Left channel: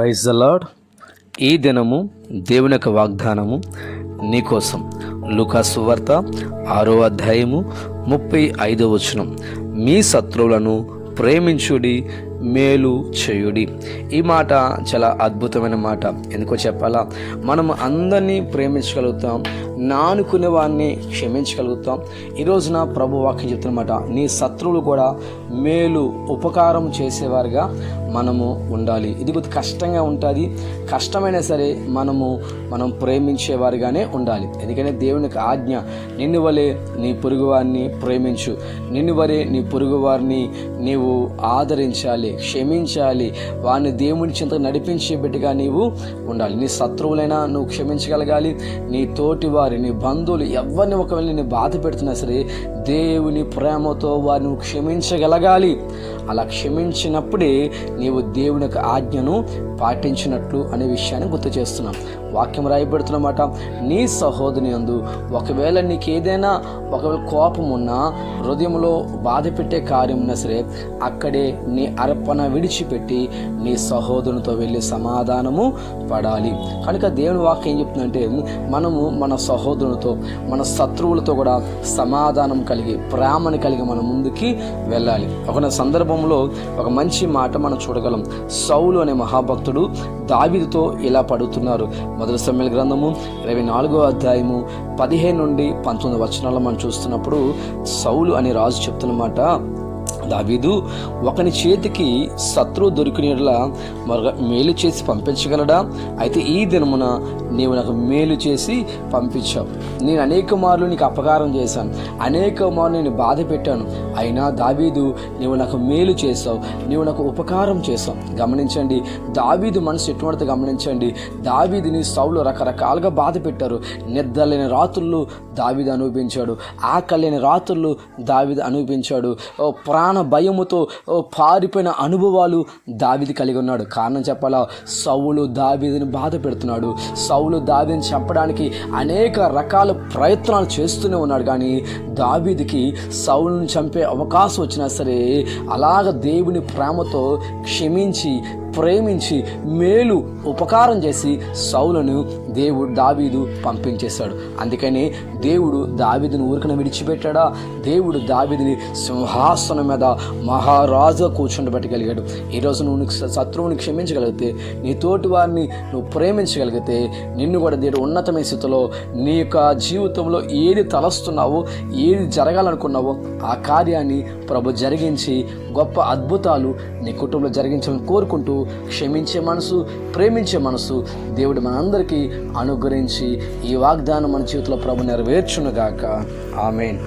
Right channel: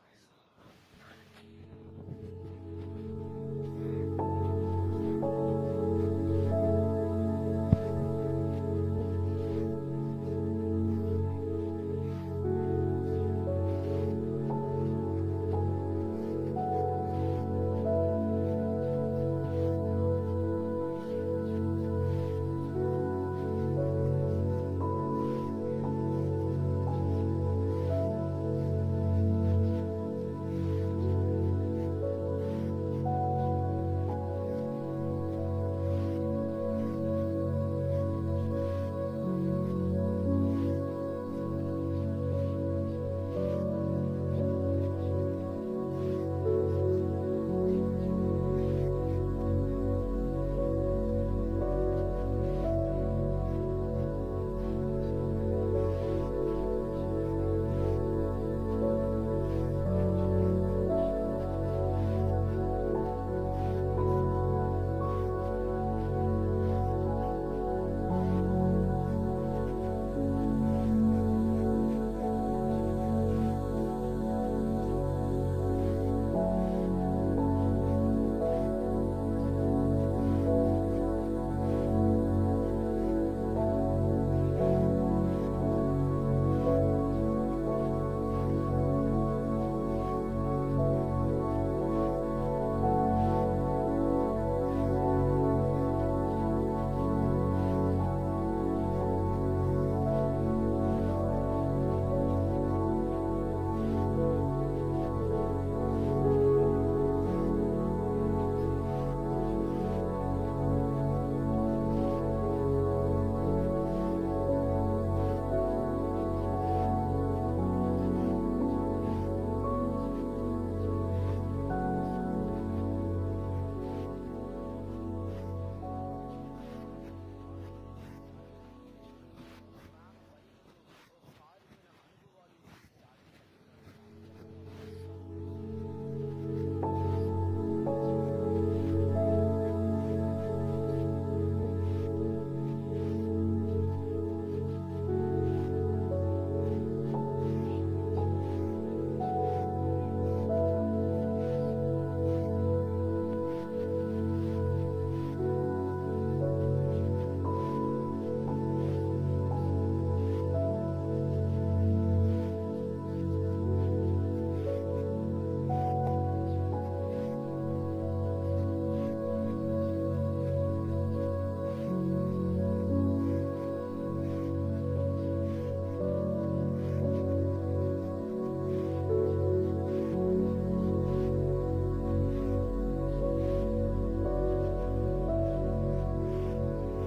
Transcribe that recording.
Praise the lord. ఈ దినము దేవుని యొక్క వాగ్దానము నీకోసం. లూకా సువార్త 6వ అధ్యాయము 35వ వచనం. మీ శత్రువులను ప్రేమించుడి, మేలు చేయుడి. ఈ మాట చాలా అద్భుతమైన మాట. ఎందుకో చెప్పాలా? మనం అందరినీ ప్రేమించగలుగుతాం, నానుకునే వారిని క్షమించగలుగుతాం. ఈ రోజున ప్రభు వాక్యం చెప్తున్నమాట, నీ శత్రువులు కూడా మేలు ఉపకారం చేసేవారుగా మనము ఉండాలి. ఇది కొద్ది కష్టంగా ఉంటుంది. కష్టమైనా సరే మనం ప్రేమించేవారిగానే ఉండాలి. ఎందుకంటే దేవునికి ఆజ్ఞ, నిన్ను వలె నీ పొరుగు వారిని ప్రేమించు, నిన్ను వలె నీ పొరుగు వారిని నీవు ఆదరించాలి, క్షమించాలి, వారిని దేవుని చింత నడిపించే బిడ్డగా నీవు ఉండాలి. నీ శత్రువులైనా నువ్వు క్షమించగలగాలి. నీ తోటి వారి, నీ బంధువులు ఎవరిని ఒకవేళ నేను బాధ పెడుతున్నా సరే దేవుని ప్రేమతో వారిని క్షమించగలగాలి. అలా క్షమించినప్పుడే నీవు దేవుని యొక్క ఆజ్ఞను పాటించినట్లు అనే విషయాన్ని గుర్తు చేస్తున్నాం. వాక్యం రాయబడుతున్నమాట, నీ సహోదరుని యందు ఒకవేళ నీకు ఏదైనా ఒకవేళ కోపం ఉన్నా, హృదయంలో బాధ పెట్టే కార్యం ఉన్నా సరే అక్కడే నీ అర్పణ విడిచిపెట్టి నీ సహోదరునితో వెళ్ళి సమాధానము పడాలి. కనుక దేవుని వాక్యం ఏం చెప్తుందంటే, మనము మన సహోదరునితో, మన శత్రువులతో కూడా సమాధానం కలిగి, ప్రేమను కలిగి మనం ముందుకి వెళ్ళాలి. ఒక సందర్భంలో ఒక మంచి మాట మనం చూడగలం. సౌలు అనే మహాభక్తుడు దావీదుతో ఇలా పడుతున్నారు. మొదటి సమూయేలు గ్రంథము 24వ అధ్యాయము 15 నుండి 19 వచనాల్లో మనం చూస్తున్నప్పుడు సౌలు అనే రాజు చెప్తున్నమాట, దావీదు ఒకని చేతికి శత్రువు దొరికినట్లా మరొక మేలు చేసి పంపించగలడా? అయితే ఈ దినమున నీవు నాకు మేలు చేసి పంపించావు. నేను అనేక మార్లు నీకు అపకారం చేశాను, అనేక మార్లు నేను బాధ పెట్టాను. అయినా దావీదు నీవు నాకు మేలు చేసావు, నీవు నాకు ఉపకారం చేసావు. గమనించండి, దావీదు మనసు ఎటువంటిది గమనించండి. దావీదుని సౌలు రకరకాలుగా బాధ పెట్టారు. నిద్రలేని రాత్రులు దావీదు అనుభవించాడు, ఆకలి లేని రాత్రులు దావీదు అనుభవించాడు. ప్రాణ భయముతో పారిపోయిన అనుభవాలు దావీదు కలిగి ఉన్నాడు. కారణం చెప్పాలా? సౌలు దావీదుని బాధ పెడుతున్నాడు. సౌలు దావీదుని చంపడానికి అనేక రకాల ప్రయత్నాలు చేస్తూనే ఉన్నాడు. కానీ దావీదుకి సౌలుని చంపే అవకాశం వచ్చినా సరే అలాగ దేవుని ప్రేమతో క్షమించి, ప్రేమించి, మేలు ఉపకారం చేసి సౌలును దావీదు పంపించేశాడు. అందుకని దేవుడు దావీదుని ఊరికన విడిచిపెట్టాడా? దేవుడు దావీదుని సింహాసనం మీద మహారాజుగా కూర్చుండబెట్టగలిగాడు. ఈరోజు నువ్వు శత్రువుని క్షమించగలిగితే, నీ తోటి వారిని నువ్వు ప్రేమించగలిగితే, నిన్ను కూడా దేవుడు ఉన్నతమైన స్థితిలో నీ యొక్క జీవితంలో ఏది తలస్తున్నావో, ఏది జరగాలనుకున్నావో ఆ కార్యాన్ని ప్రభు జరిగించి గొప్ప అద్భుతాలు నీ కుటుంబంలో జరిగించాలని కోరుకుంటూ, క్షమించే మనసు, ప్రేమించే మనసు దేవుడు మనందరికీ అనుగ్రహించి ఈ వాగ్దానం మన జీవితంలో ప్రభు నెరవేర్చునుగాక. ఆమేన్.